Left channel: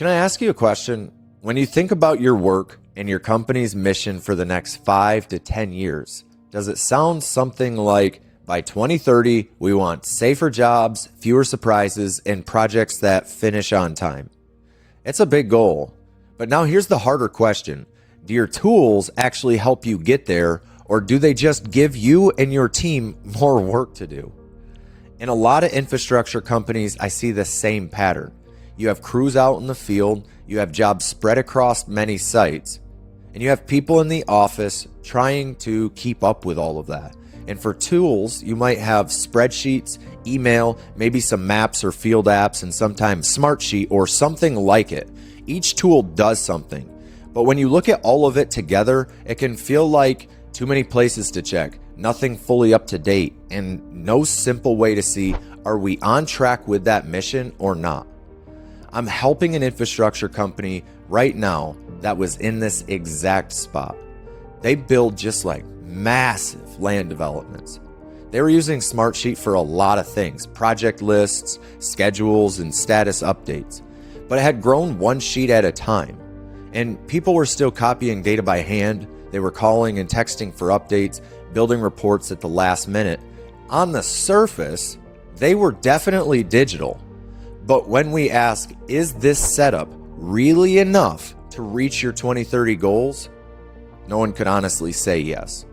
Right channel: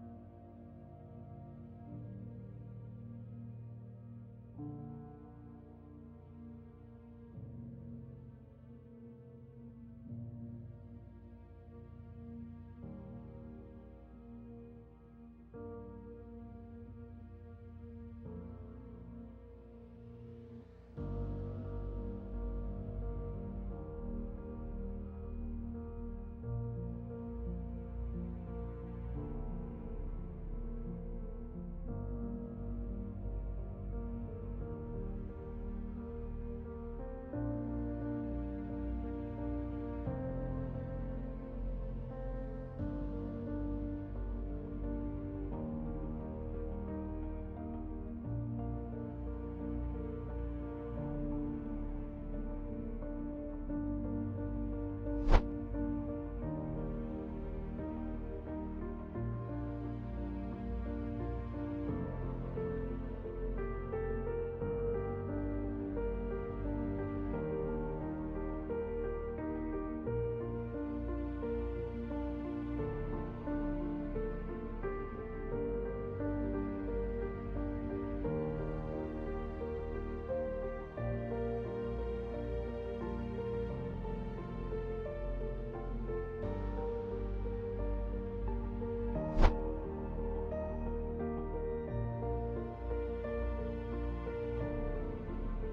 Can I ask you a question? When you think about your work and your company's mission for the next 5 to 10 years, does it sound something like, by 2030, we want safer jobs, fewer surprises, and projects that finish on time? It's a big goal. But now here's the harder question. Do your tools actually help you get there, or do they just give you and your team more work to do? In a lot of infrastructure companies, I see the same pattern. You have crews out in the field, you have jobs spread across many sites, and you have people in the office trying to keep up with all of that. And for tools, you might have spreadsheets, email, maybe some maps or field apps, and sometimes Smartsheet or something like it. Each tool does something. But when you look at all of it together, it can feel like too many places to check, nothing fully up to date, and no simple way to see, are we on track with that mission or not? I'm helping an infrastructure company right now that was in this exact spot. They build just like massive land developments. They were using Smartsheet for a lot of things, project lists, schedules, and status updates, but it had grown one sheet at a time. And people were still copying data by hand. They were calling and texting for updates, building reports at the last minute. On the surface, they were definitely digital. But when we ask, is this setup really enough to reach your 2030 goals? No one could honestly say yes.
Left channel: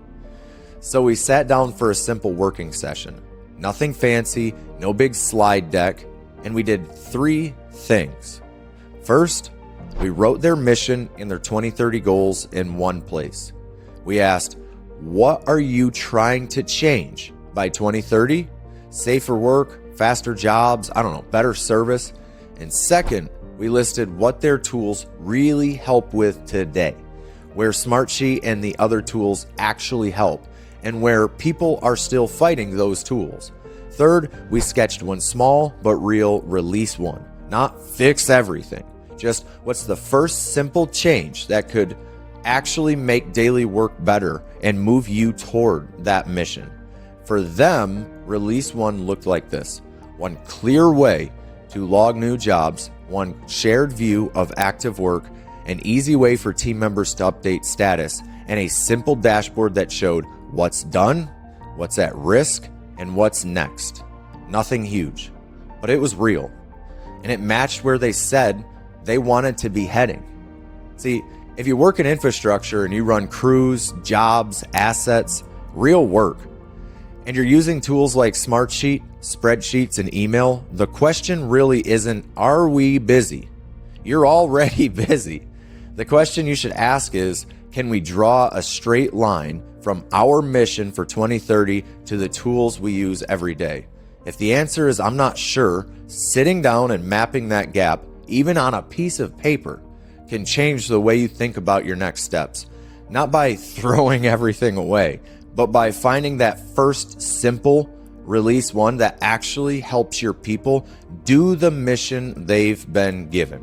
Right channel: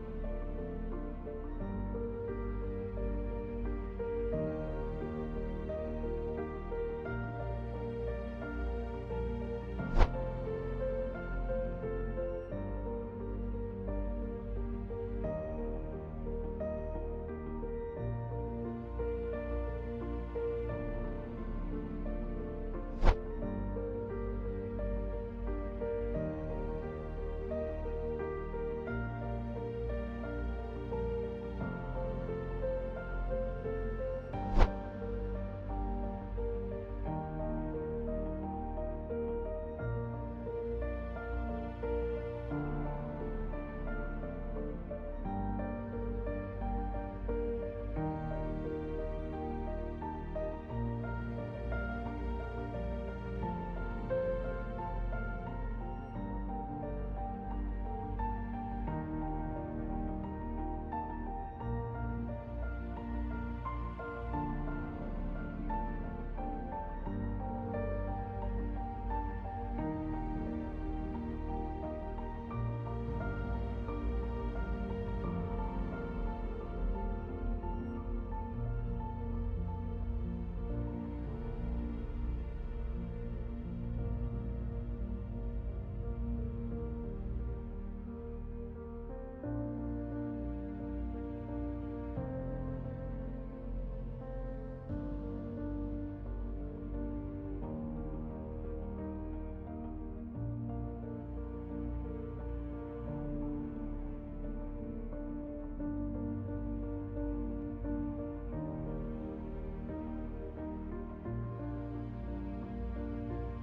So we sat down for a simple working session. Nothing fancy, no big slide deck, and we did 3 things. First, we wrote their mission and their 2030 goals in one place. We asked, what are you trying to change by 2030? Safer work, faster jobs, better service. And second, we listed what their tools really help with today, where Smartsheet and the other tools actually help, and where people are still fighting those tools. Third, we sketched one small but real release one, not fix everything. Just what's the first simple change that could actually make daily work better and move you toward that mission. For them, release one looked like this. One clear way to log new jobs, one shared view of active work, an easy way for team members to update status, and a simple dashboard that showed what's done, what's at risk, and what's next. Nothing huge, but it was real. And it matched where they said they wanted to be heading. See, if you work in infrastructure and you run crews, jobs, assets, real work, and you're using tools like Smartsheet, spreadsheets, and email, the question really isn't, are we busy? You're already busy. The question you should ask is, can we draw a straight line from our mission for 2030 to the tools we use every day? If the answer is, I'm not sure, sitting down and mapping that gap, even on a piece of paper, can change the way you think about your next steps. Not by throwing everything away, but by finding that first simple release one that actually helps your people do the mission they've been given.